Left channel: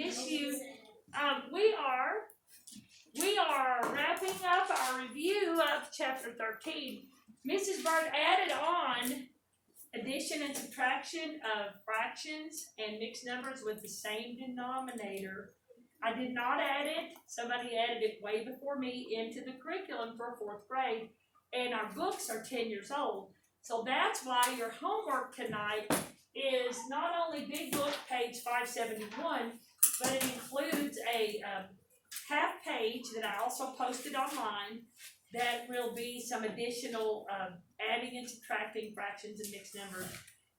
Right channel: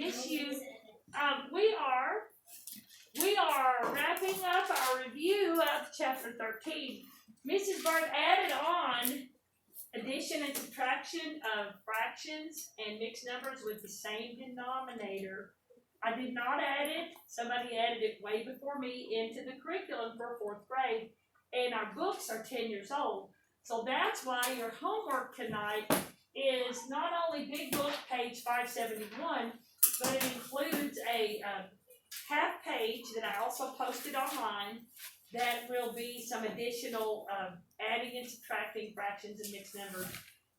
miss you. We are wrapping up our review of chapter 13. Mrs. Bart added on addition and subtraction of fractions and mixed numbers with the same denominator. I did not add it. Somebody added it way before me into the curriculum for 4th grade. And our books are 10 years old. So that's why your homework tonight is not only Big Book page 571, but it includes a half page that I also posted online that will be some additional adding and subtracting fractions and mixed numbers.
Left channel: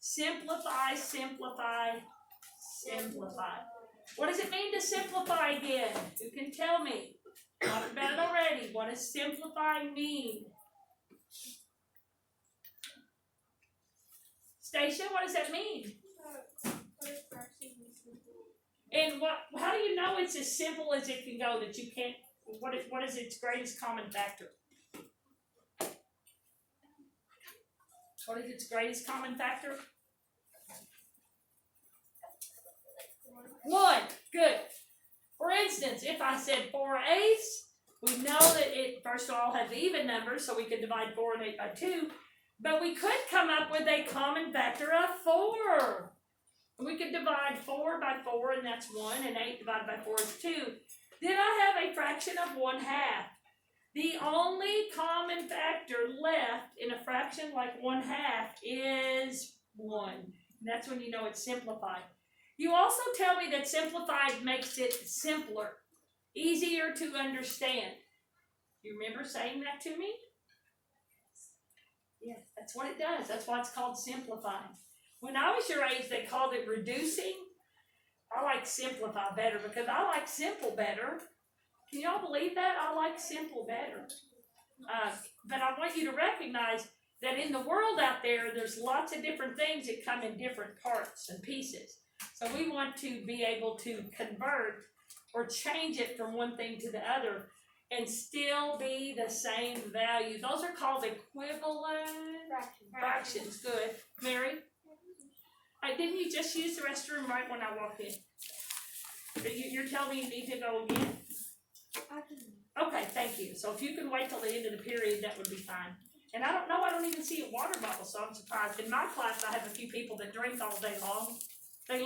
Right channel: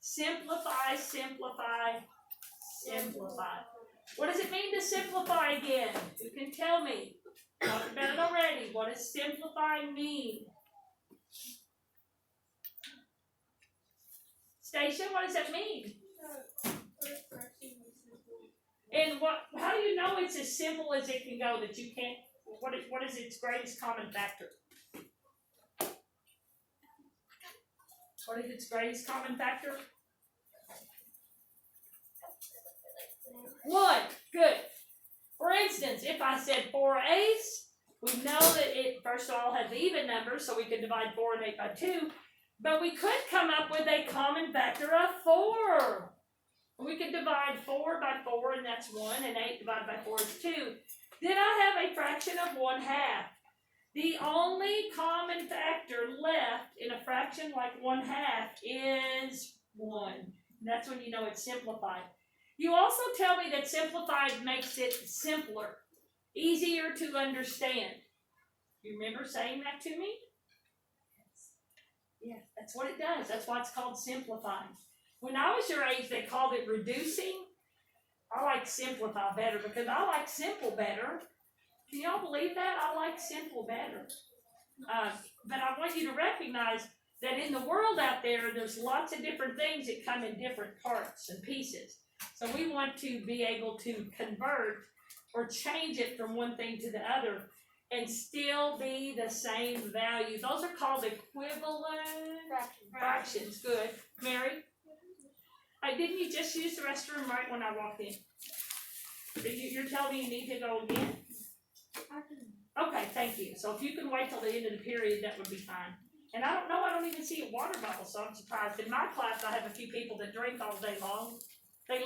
Simplify, simplify, simplify. What does it mean to simplify again? Who can tell me? Talked about it already. What does simplify mean? Stacia, what does that mean? And how do you know it's as simple as it can go, that you can't, what is its greatest common factor? What is its greatest common factor? 1. Good. For instance, if I said 4 eighths, we know that it, first of all, has even numbers, so we could divide 4 and 8 by 2. But we could come up with a common factor of 4. We could divide 4 by 4, and that's 1, and 8 divided by 4 is 2. Then I have a fraction of 1/2. The only common factor left in a fraction like 1/2 is 1. And that's when you know it's simplified. You also tell me that simplified makes it simpler, easier to understand. You remember saying that to me? Yes, that's what it does. That's why it's called simplifying. When I was your age, they called it reducing. I like simplify better because I like simple better. Can y'all believe that? I like simple better. But I want you to recognize that in the world out there, there's lots of different things that come in different parts and pieces. So we want to be able to convert or change it from one thing to the other and still be the same value. Those are called equivalent fractions. Good. Mary? Didn't you just use the restroom right when I walked in? You're telling me you need to go again? Okay, thank you. So if you can wait till the end of the period, that would be fine. And I don't even see a water bottle, so I'm surprised. In my class, I have a few people that drink all day long. They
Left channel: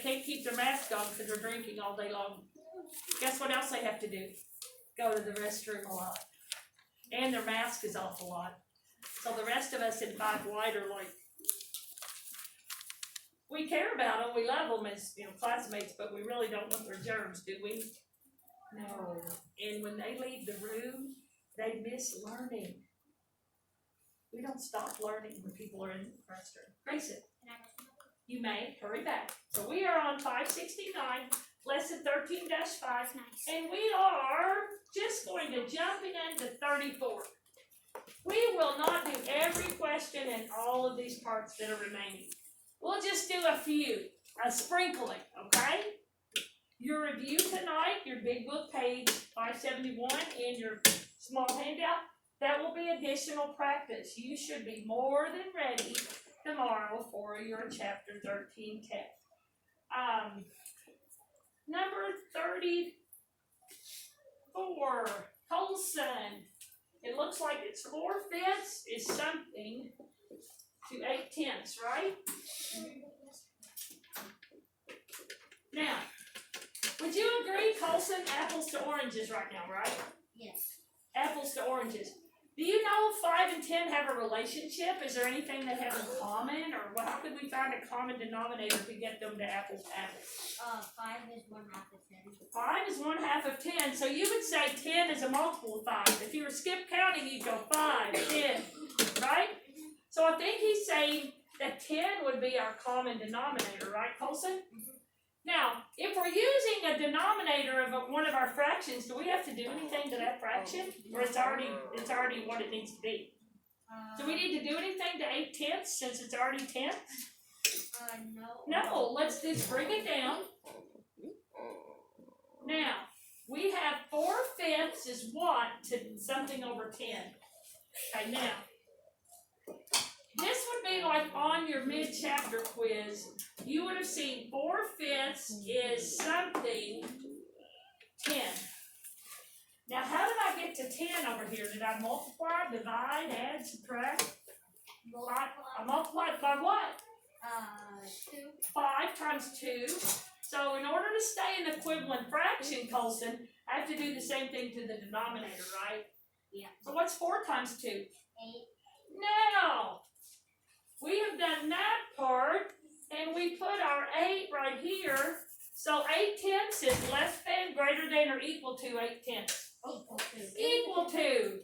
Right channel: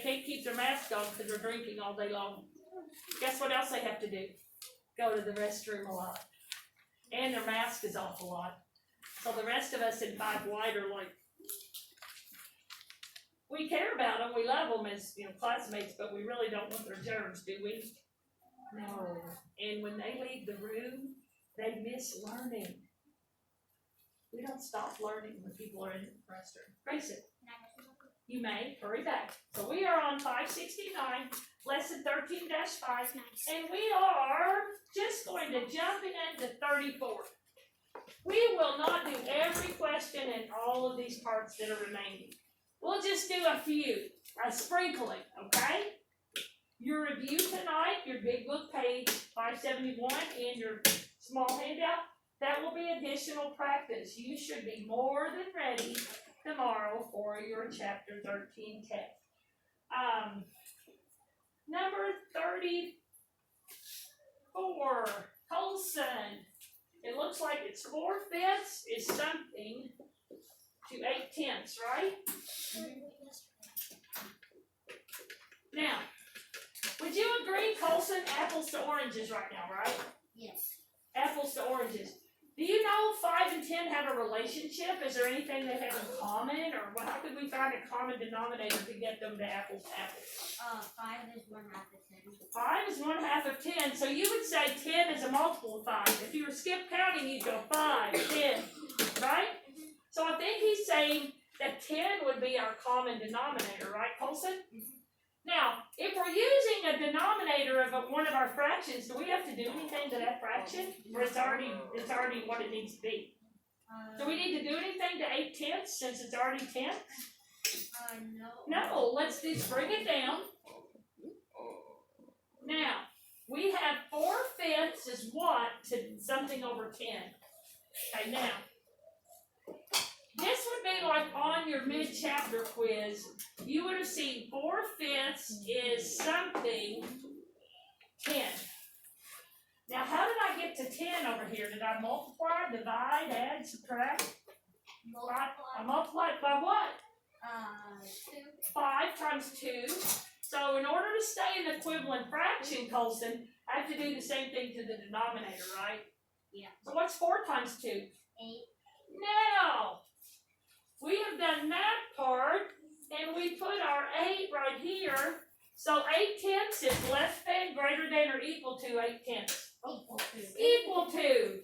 can't keep their mask on because they're drinking all day long. Guess what else they have to do? Go to the restroom a lot. And their mask is off a lot. So the rest of us in 5 White are like, we care about them, we love them as classmates, but we really don't want their germs, do we? No. And when they leave the room, they miss learning. We don't stop learning when people are in the restroom. Grayson, you may hurry back. So we are on 569, lesson 13-5, and we are just going to jump into 34. We will not do every question in all of these parts that are remaining. We'll just do a few, a sprinkling, okay? Your review tonight, your big book page 571 and your small handout, that will be additional practice. You should be more than ready tomorrow for your chapter 13 test. Number 34, Colson. It looks like it's 4/5 is something to 8/10, right? Now, would you agree, Colson, apples to oranges right now, right? Yes. Apples to oranges. Do you know 5 and 10 have a relationship? Is there anything they have in common? Or how could we find a common denominator to get them to apples to apples? 5 is 1/2 of 10. 5 is 1/2 of 10. So you would say 10 is a multiple of 5. If you were skip counting, you'd go 5, 10, right? So I think he's saying that 10 would be our common denominator, right, Colson? Now, if we're using a denominator of one of our fractions, do we have to do anything to that fraction? Or it's already what it needs to be? Do we need to do anything to 8/10 since it's already 10? No. No, let's just bring it down. Now, we have 4/5 is what to something over 10. Okay, now, this would be like on your mid-chapter quiz, you would have seen 4/5 is something 10. Now, how did I get to 10 over here? Did I multiply, divide, add, subtract? I multiplied by what? 2. 5 times 2. So in order to stay in the equivalent fraction, Colson, I have to do the same thing to the denominator, right? Yeah. So what's 4 times 2? 8. Now, we have done that part, and we put our 8 right here. So 8/10 is less than, greater than, or equal to 8/10. Equal to. Equal to.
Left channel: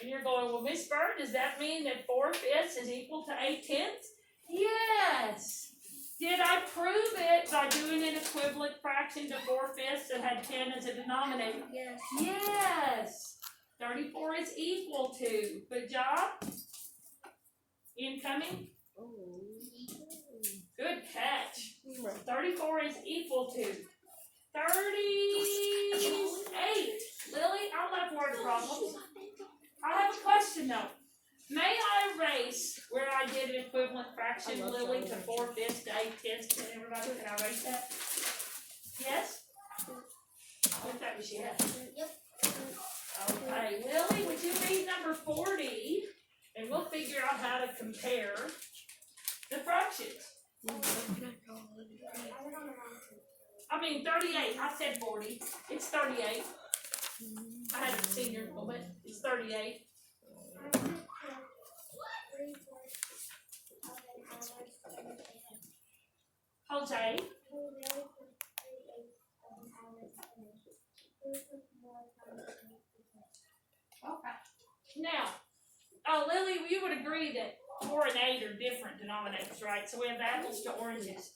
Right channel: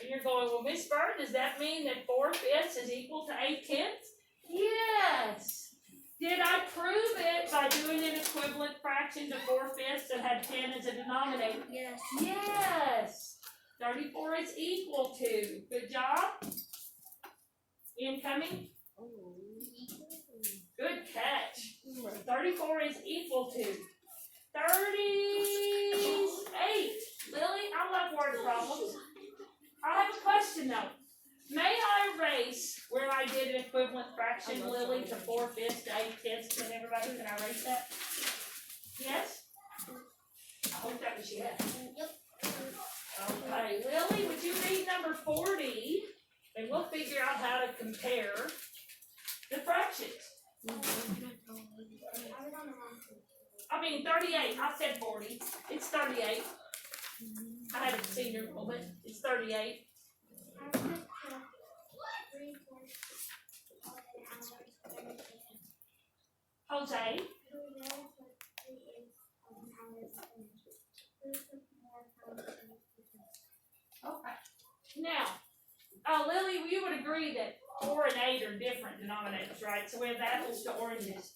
And you're going, well, Miss Bird, does that mean that 4/5 is equal to 8/10? Yes. Did I prove it by doing an equivalent fraction to 4/5 that had 10 as a denominator? Yes. Yes. 34 is equal to. Good job. Incoming. Good catch. 34 is equal to 38. Lily, I love word problems. I have a question though. May I erase where I did an equivalent fraction, Lily, to 4/5 to 8/10? Can everybody, can I erase that? Yes? I hope that was yes. Yep. Okay, Lily, would you read number 40? And we'll figure out how to compare the fractions. I mean 38, I said 40. It's 38. I had a senior moment. It's 38. Jose? Okay. Now, Lily, you would agree that 4 and 8 are different denominators, right? So we have apples to oranges.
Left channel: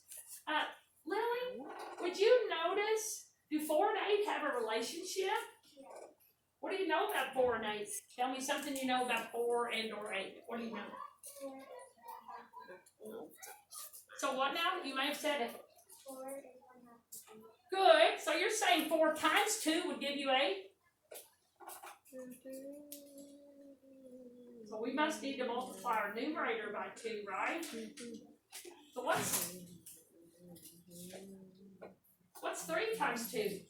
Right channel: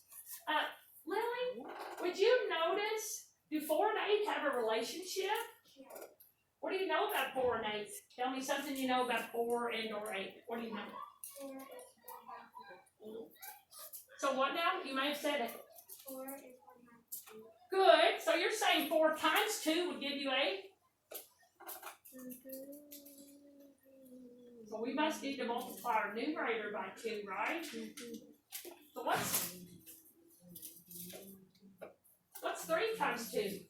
Lily, would you notice, do 4 and 8 have a relationship? What do you know about 4 and 8? Tell me something you know about 4 and or 8. What do you know? So what now? You may have said it. 4 is 1/2. Good. So you're saying 4 times 2 would give you 8? So we must need to multiply our numerator by 2, right? So what's 3 times 2?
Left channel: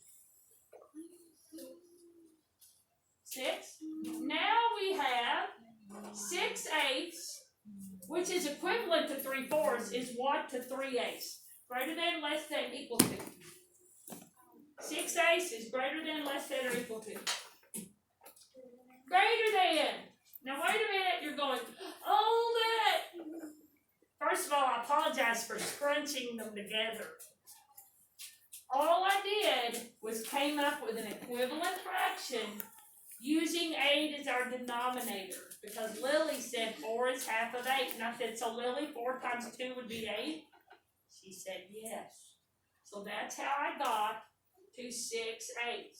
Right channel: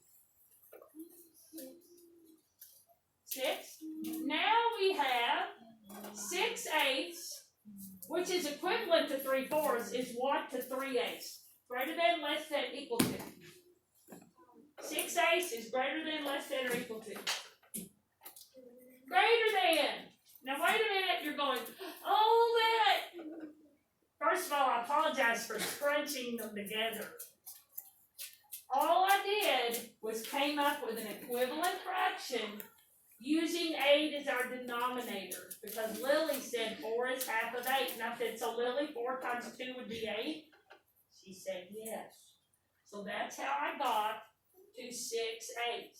6. Now we have 6/8, which is equivalent to 3/4, is what to 3/8? Greater than, less than, equal to. 6/8 is greater than, less than, or equal to. Greater than. Now wait a minute, you're going, oh that. First of all, I apologize for scrunching them together. All I did was came up with an equivalent fraction using 8 as our denominator, because Lily said 4 is half of 8. And I said, so Lily, 4 times 2 would be 8? She said yes. So that's how I got to 6/8.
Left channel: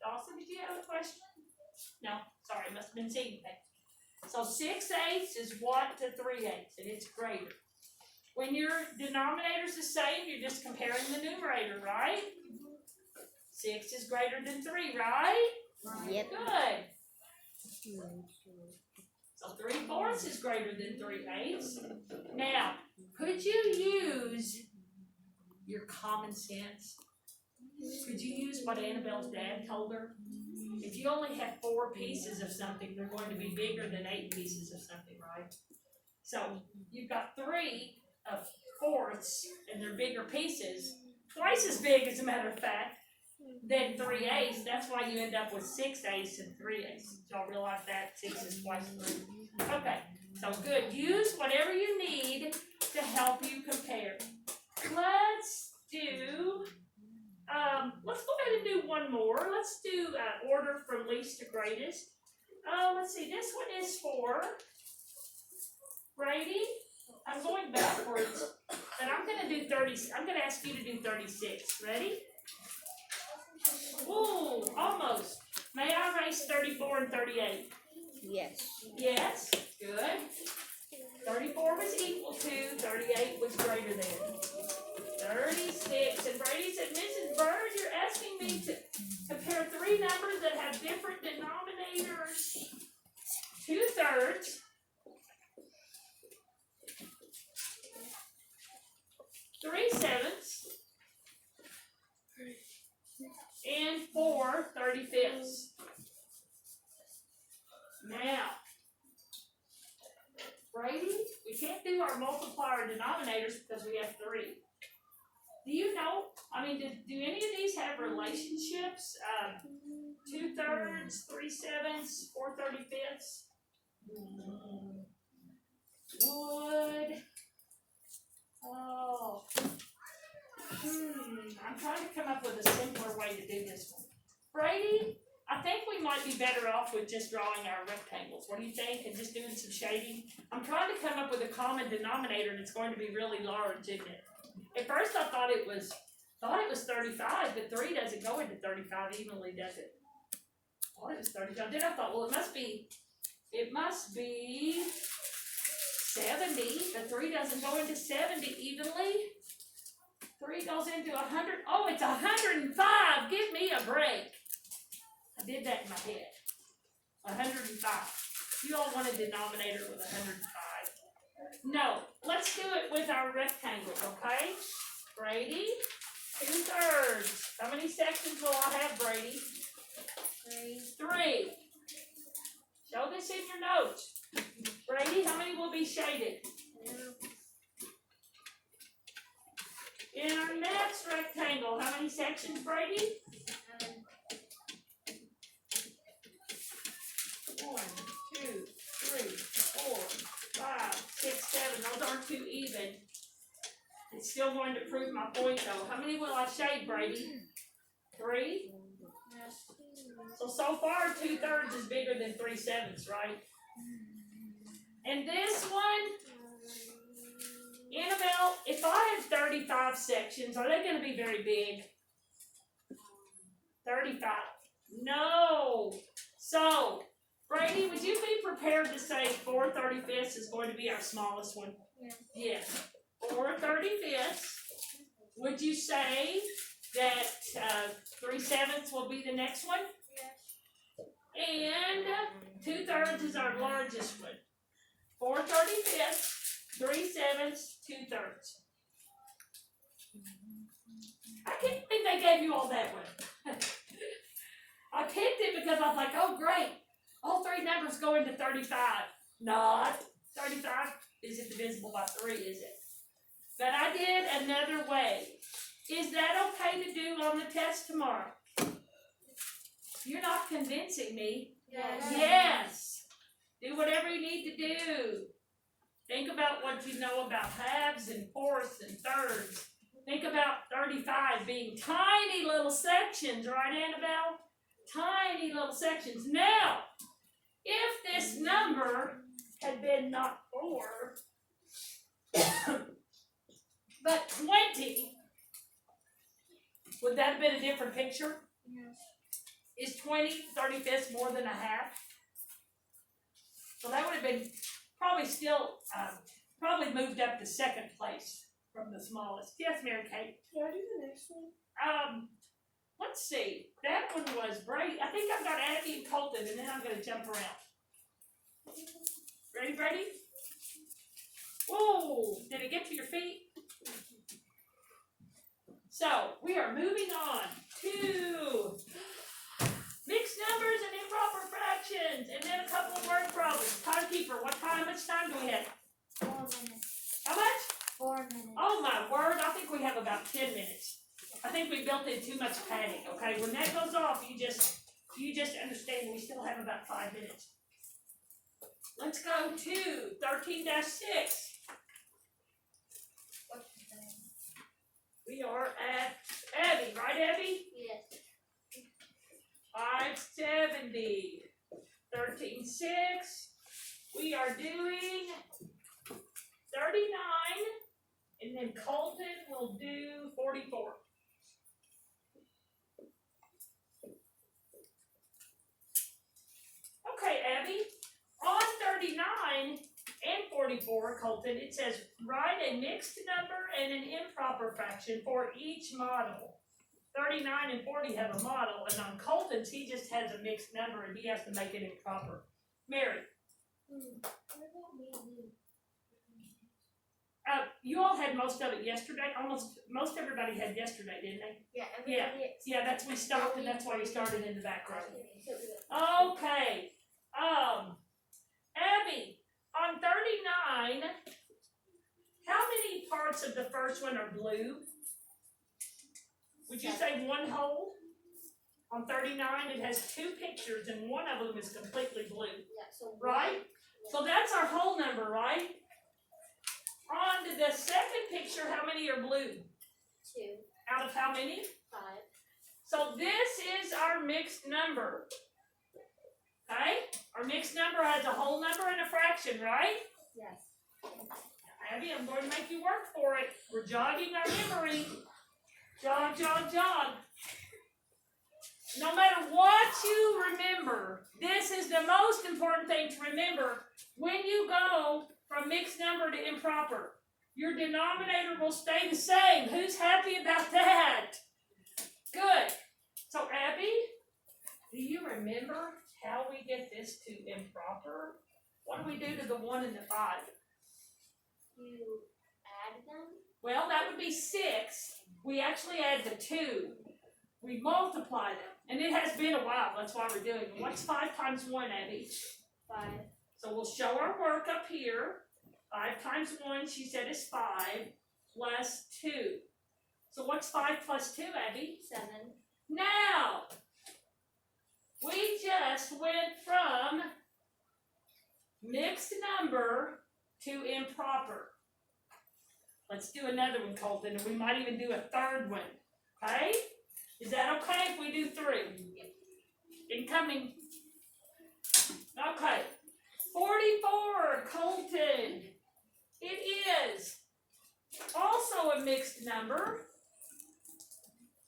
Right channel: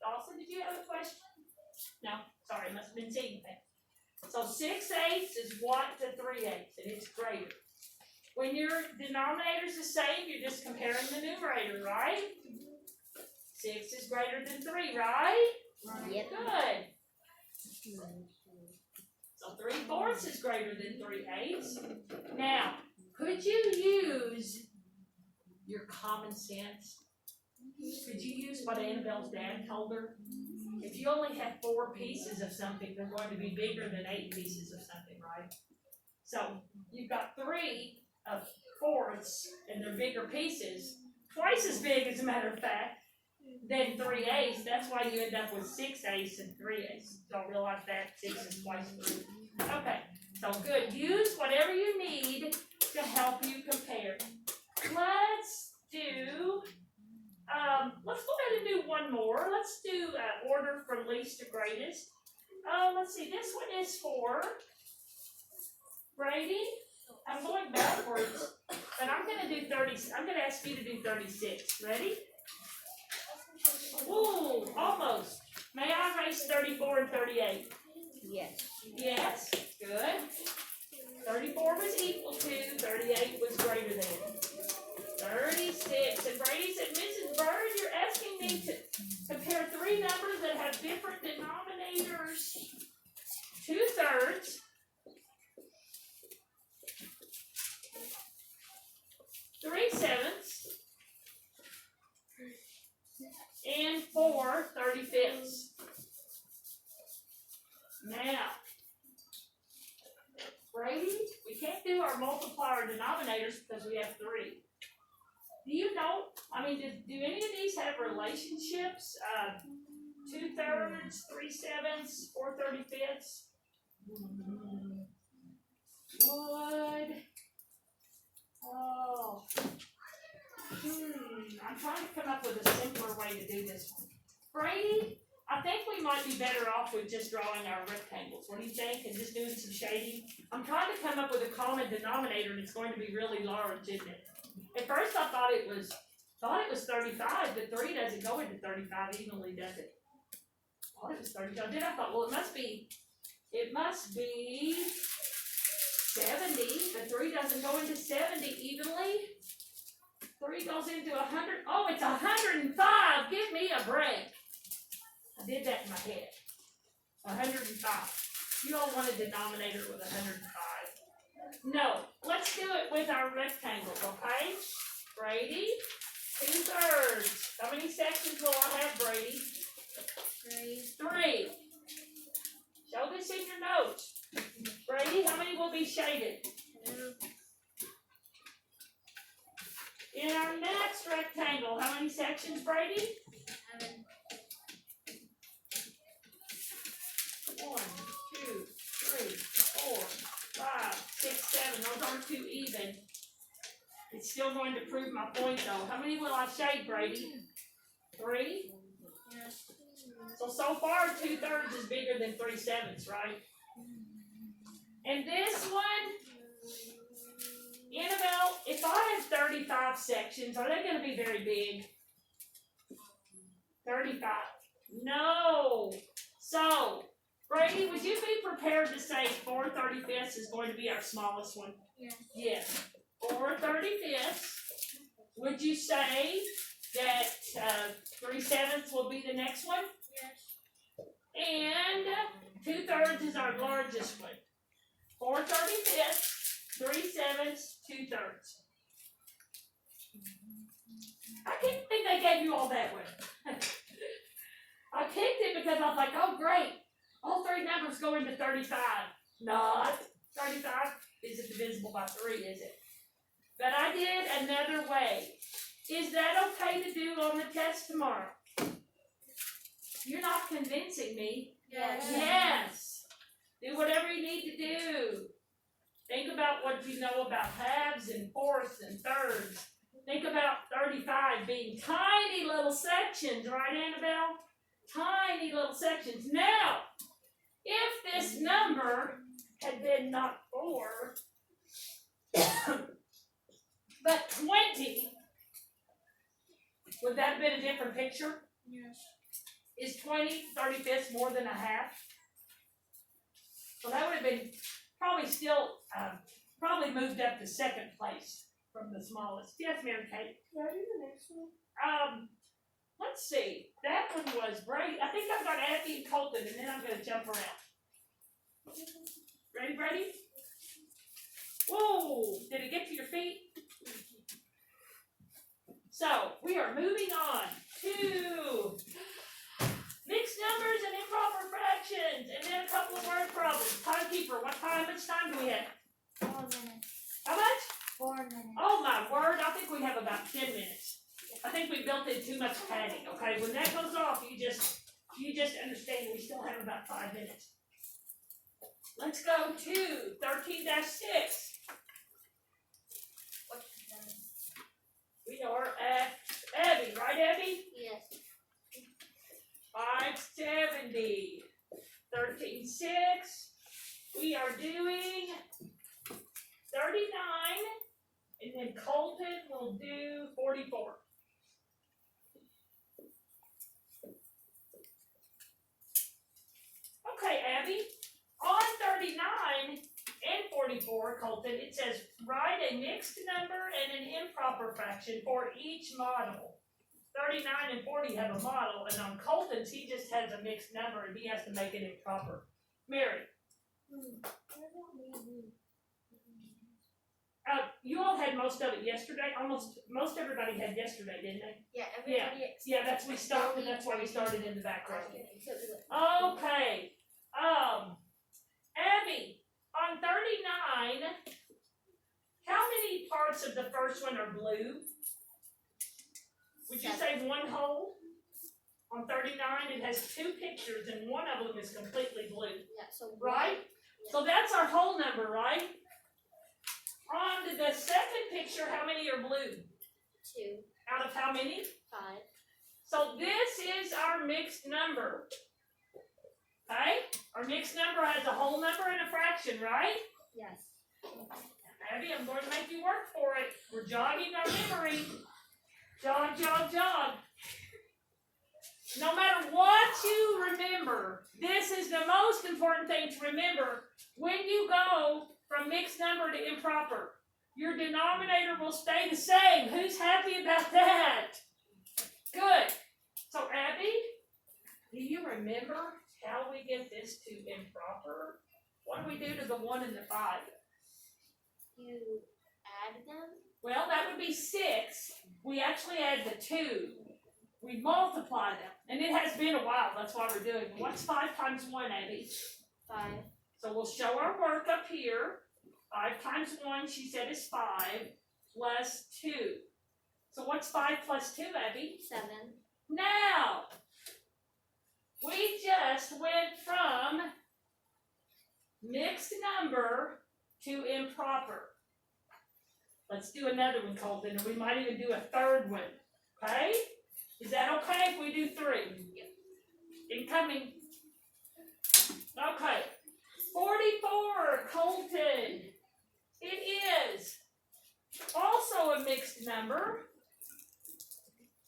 Dawson, did you have a question? No, sorry, must have been seeing that. So 6/8 is what to 3/8, and it's greater. When your denominator's the same, you're just comparing the numerator, right? 6 is greater than 3, right? Yep. Good. So 3/4 is greater than 3/8. Now, could you use your common sense? Could you use what Annabelle's dad told her? If you only have 4 pieces of something, they're going to be bigger than 8 pieces of something, right? So you've got 3/4, and they're bigger pieces, twice as big as a matter of fact, than 3/8. That's why you end up with 6/8 and 3/8. Y'all realize that 6 is twice 3. Okay, so good. Use whatever you need to help you compare. Let's go ahead and do one more. Let's do order from least to greatest. Let's see, this one is for Brady. I'm going backwards, but I'm gonna do 30. I'm gonna ask you to do 36. Ready? Ooh, almost. May I erase 34 and 38? Yes. Yes, good. 34 was equal to, 38 was greater than. 36, and Brady said, Mrs. Bird, you're asking me to compare 3 numbers that have different denominators. 2/3 3/7 and 4/35. Now, Brady, we can't do our multiplier denominators because we have 3. Do you know, I mean, do any of these have relationships? 2/3, 3/7, 4/35? Would, oh, I'm trying to come up with a simpler way to do this one. Brady, I think we might be better off with just drawing our rectangles. What do you think? And just doing some shading? I'm trying to come up with a common denominator and it's going to be really large, isn't it? At first I thought it was 35, but 3 doesn't go into 35 evenly, does it? I thought it was 35. Then I thought, well, it must be 70, but 3 doesn't go into 70 evenly. 3 goes into 100. Oh, it's 105. Give me a break. I did that in my head. 105. You all want a denominator with 105. No, let's do it with our rectangles, okay? Brady, 2/3. How many sections will I have, Brady? 3. Show this in your notes. Brady, how many will be shaded? In our next rectangle, how many sections, Brady? 1, 2, 3, 4, 5, 6, 7. Those aren't too even. It's still going to prove my point, though. How many will I shade, Brady? 3? So far, 2/3 is bigger than 3/7, right? And this one, Annabelle, if I had 35 sections, are they going to be very big? 35. No. So, Brady, would you be prepared to say 4/35 is going to be our smallest one? Yes. 4/35. Would you say that 3/7 will be the next one? And 2/3 is our largest one. 4/35, 3/7, 2/3. I can't believe they gave you all that one. I picked it because I was like, oh great, all 3 numbers go into 35. Not 35 isn't divisible by 3, is it? But I did another way. Is that okay to do on the test tomorrow? You're not convincing me. Yes. Do whatever you need to do. Think about what you know about halves and fourths and thirds. Think about 35 being tiny little sections, right, Annabelle? Tiny little sections. Now, if this number had been not 4, but 20, would that have been a different picture? Is 20/35 more than a half? So that would have been probably still, probably moved up to second place from the smallest. Yes, Mary Kate? Can I do the next one? Let's see. That one was Brady. I think I've got Abby and Colton, and then I'm going to jump around. Ready, Brady? Whoa! Did it get to your feet? So, we are moving on to mixed numbers and improper fractions, and then a couple of word problems. Timekeeper, much time do we have? 4 minutes. How much? 4 minutes. Oh my word, I think we have about 10 minutes. I think we built in too much padding, okay? When that goes off, you just understand we still have about 5 minutes. Let's go to 13-6. We are at Abby, right, Abby? Yes. 570. 13-6. We are doing 39, and then Colton will do 44. Okay, Abby, on 39 and 44, Colton, it says write a mixed number and an improper fraction for each model. 39 and 40 have a model, and on Colton's, he just has a mixed number, and he has to make it improper. Mary. you all had most of it yesterday, most everybody had yesterday, didn't they? Yeah, Yeah. everybody. Yeah, that's, we stopped, and that's why we started in the back row. Oh. Okay, Abby, on 39, how many parts of the first one are blue? Would you say one whole? On 39, it has two pictures and one of them is completely blue, Yeah, so right? So that's our whole number, right? On to the second picture, how many are blue? 2, Out of how many? 5. So this is our mixed number. Okay? Our mixed number has a whole number and a fraction, right? Yes. Abby, I'm going to make you work for it. We're jogging our memory. Jog, jog, jog. No matter what you remember, this is the most important thing to remember. When you go from mixed number to improper, your denominator will stay the same. Who's happy about that? Good. So, Abby, do you remember how we get this to improper? What do we do to the 1 and the 5? You add them? Well, that would be 6. We actually add the 2. We multiply them. And it has been a while. That's why we're doing it. What's 5 times 1, Abby? 5. So we'll show our work up here. 5 times 1, she said, is 5, plus 2. So what's 5 plus 2, Abby? 7. Now, we just went from mixed number to improper. Let's do another one, Colton, and we might even do a third one. Okay? Is that okay if we do 3? Yep. Incoming. Okay. 44, Colton. It is also a mixed number.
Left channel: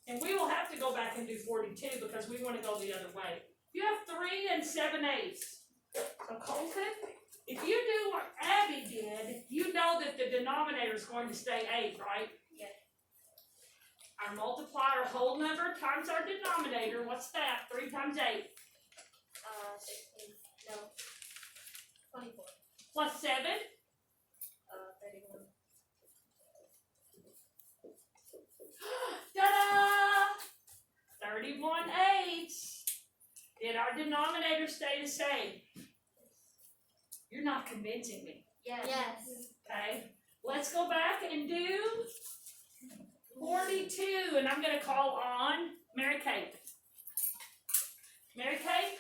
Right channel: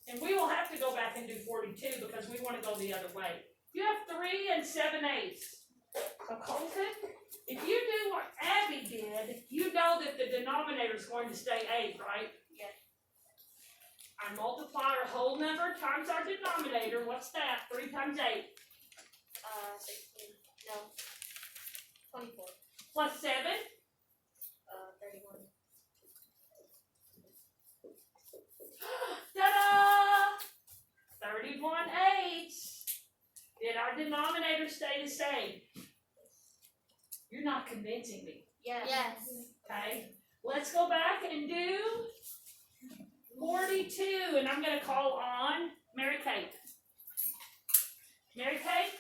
And we will have to go back and do 42 because we want to go the other way. You have 3 and 7/8. So Colton, if you do what Abby did, you know that the denominator is going to stay 8, right? Yes. Our multiplier whole number times our denominator, what's that? 3 times 8. 16. No. 24. Plus 7. 31. Ta-da! 31/8. Did our denominator stay the same? You're not convincing me. Yes. Okay, let's go back and do 42, and I'm going to call on Mary Kate. Mary Kate,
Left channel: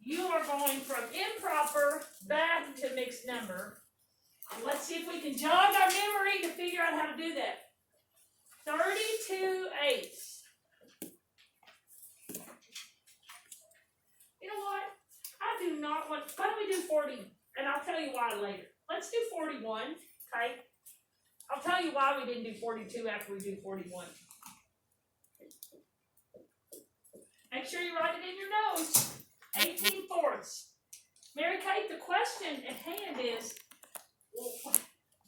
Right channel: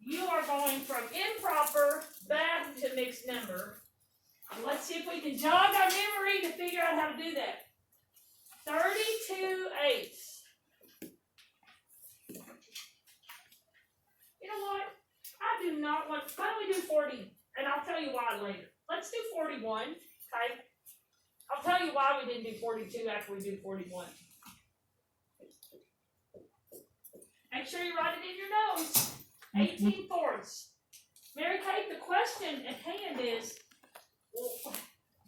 you are going from improper back to mixed number. And let's see if we can jog our memory to figure out how to do that. 32/8. You know what? I do not want, why don't we do 40? And I'll tell you why later. Let's do 41, okay? I'll tell you why we didn't do 42 after we do 41. Make sure you write it in your notes. 18/4. Mary Kate, the question at hand is,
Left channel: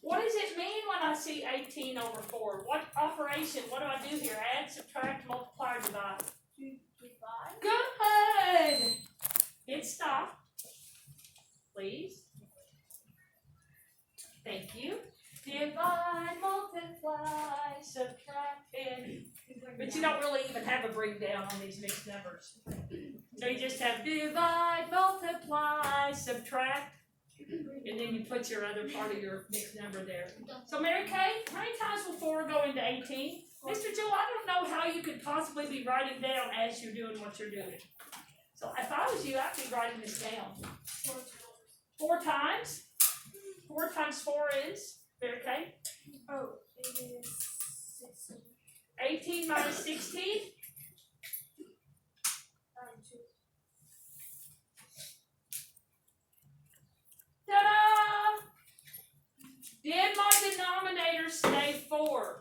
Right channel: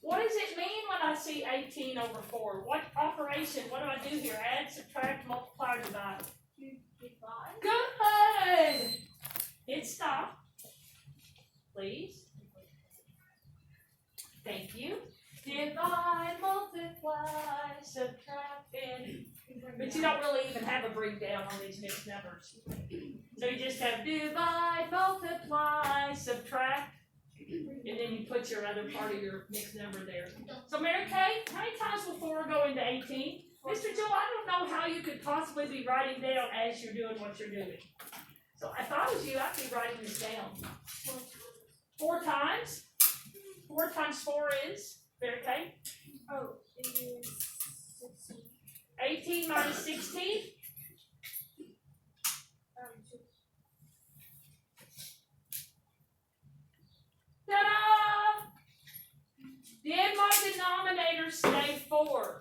what does it mean when I see 18/4? What operation, what do I do here? Add, subtract, multiply, divide. Divide. Good! Hit stop, please. Thank you. Divide, multiply, subtract, and... But you don't really even have a breakdown on these mixed numbers. So you just have divide, multiply, subtract, and then you put your other part of your mixed number there. So Mary Kay, how many times will 4 go into 18? Mr. Joe, I don't know how you could possibly be writing down as you're doing what you're doing. So if I was you, I'd be writing this down. 4 times? 4 times 4 is, Mary Kay? Oh, it is 16. 18 minus 16? 2. Ta-da! Did my denominator stay 4?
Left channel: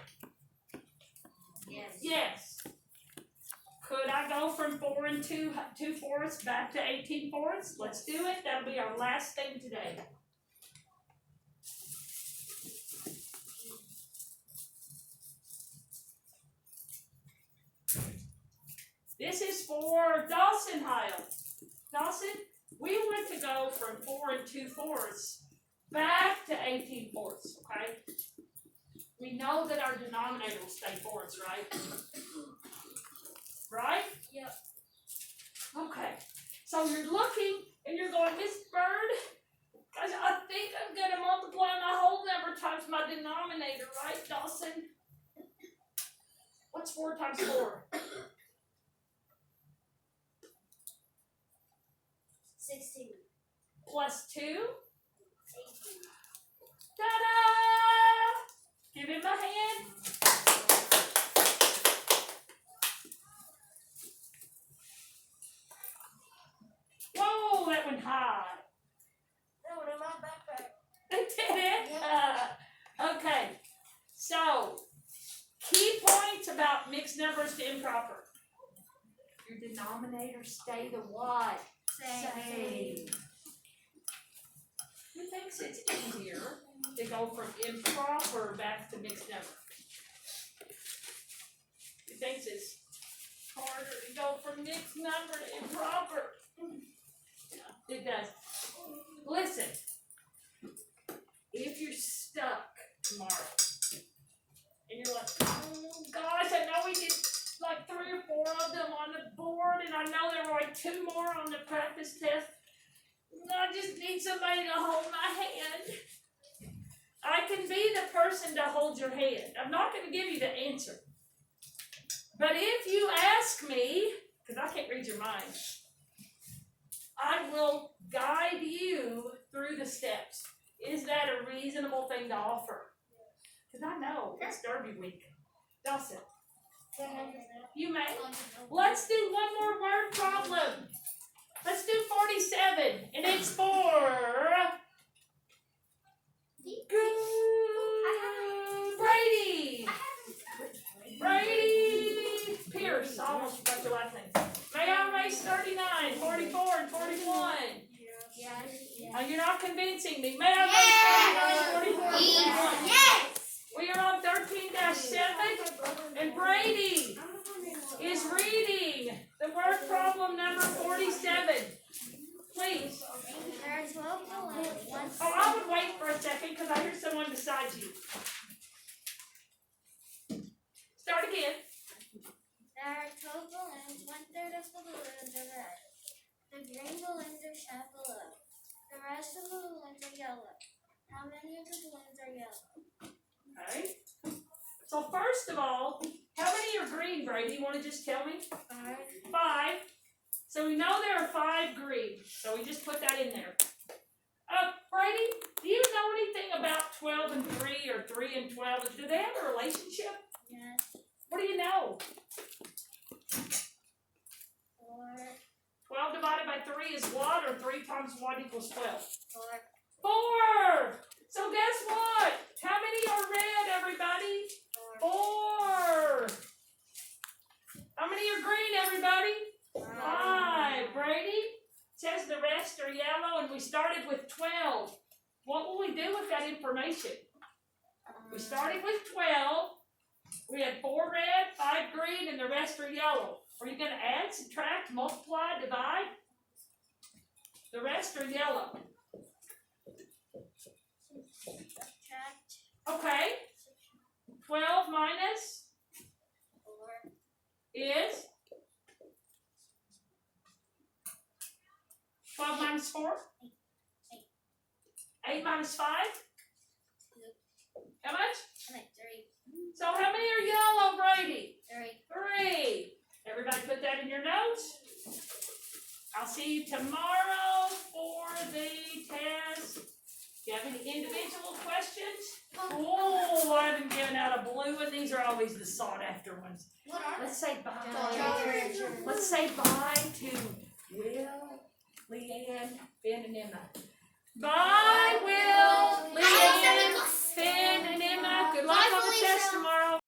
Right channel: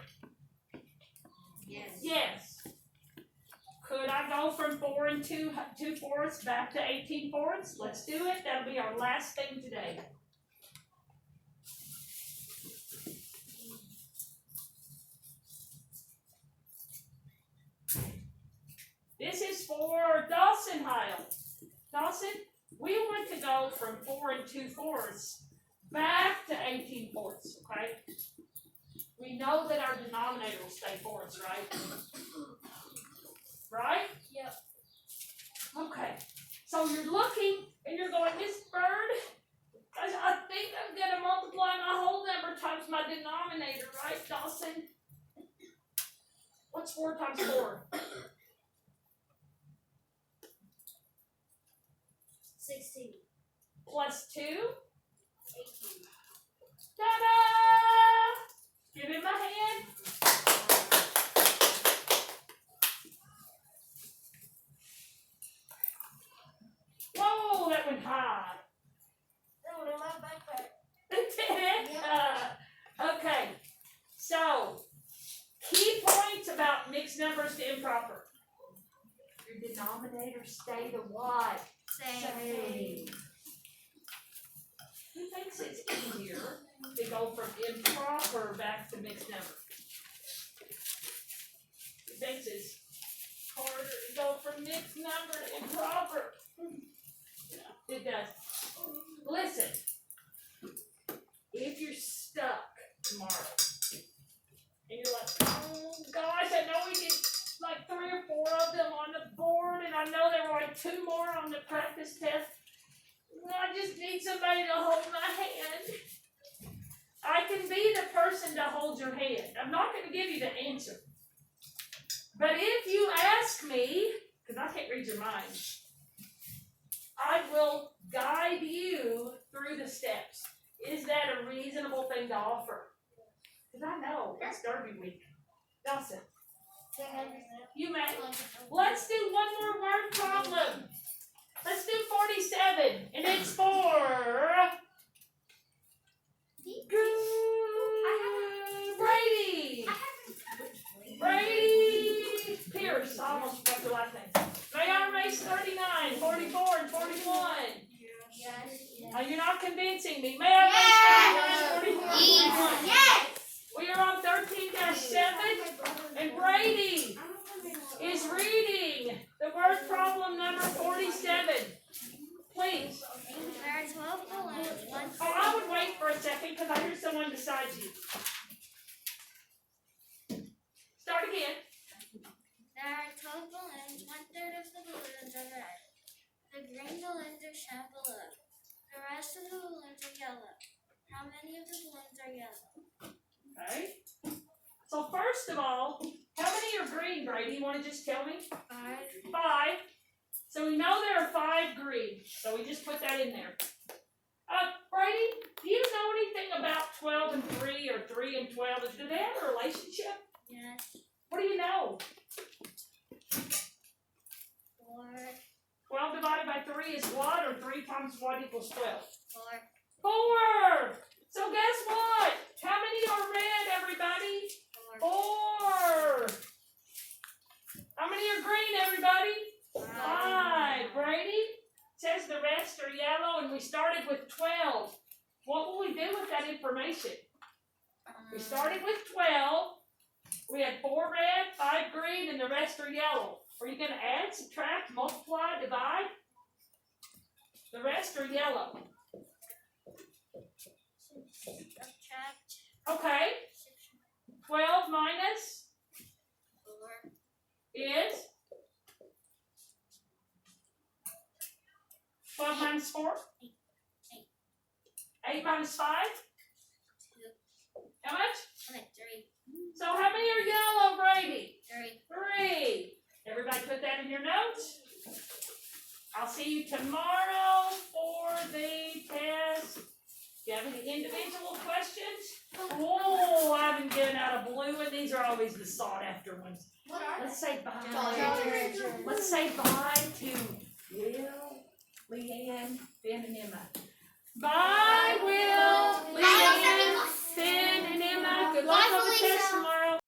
Yes. Yes. Could I go from 4 and 2/4 back to 18/4? Let's do it. That'll be our last thing today. This is for Dawson Heil. Dawson, we want to go from 4 and 2/4 back to 18/4, okay? you know that our denominator will stay for us, right? Right? Yep. Okay. So you're looking and you're going, Miss Bird, I think I'm gonna multiply my whole number times my denominator, right, Dawson? What's 4 times 4? 16. Plus 2? 18. Ta-da! Give him a hand. Whoa, that went high. That went in my backpack. Did it? Yep. Okay. So, key points about mixed numbers to improper. Your denominator stay the what? Same. Who thinks it's easier to go from improper back to mixed number? Who thinks it's harder to go from mixed number to improper? Yeah, it does. Listen, if you're stuck tomorrow and you're like, oh gosh, I know we did like 3 or 4 of them on the board, and I know there were like 2 more on the practice test. I just need somebody to hold my hand. I can be the person to hold your hand. I'm not going to give you the answer. But if you ask me, because I can't read your mind, I will guide you through the steps. Is that a reasonable thing to offer? Because I know it's Derby week. Dawson, you may. Let's do one more word problem. Let's do 47, and it's for Brady. Brady Pierce. I almost forgot your last name. May I race 39, 44, and 41? Yes. You're not convincing me. May I race 39, 44, and 41? Yes. We are on 13-7, and Brady is reading the word problem number 47. Please. There are 12 balloons. Oh, I would wait for a second because I hear someone beside you. Start again. There are 12 balloons. 1/3 of the balloons are red. The green balloons are shown below. The rest of the balloons are yellow. How many of the balloons are yellow? Okay. So first of all, how many are green, Brady? You want to just tell me? 5. 5. So we know there are 5 green. So we just put that in there. Brady, do you know anything about 12 and 3 or 3 and 12? Do they have a relationship? Yes. What do you know? 4. 12 divided by 3 is what? Or 3 times what equals 12? 4. 4! So guess what? How many are red, everybody? 4. 4! How many are green, everybody? 5. Brady says the rest are yellow, and we started with 12. What will we do with that information? We started with 12. We had 4 red, 5 green, and the rest are yellow. Are you going to add, subtract, multiply, divide? The rest are yellow. Subtract. Okay. 12 minus 4. is 12 minus 4? 8 minus 5? 2. How much? 3. So how many are yellow, Brady? 3. 3. Everybody put that in your notes. I'll see you tomorrow for the test. Do you have any individual questions? Oh, I haven't given out a blue one. These are always the sought after ones. Let's say bye. Let's say bye to Will, Leanne, Ben, and Emma. Bye, Will, Leanne, Ben, and Emma. Good luck on the test tomorrow.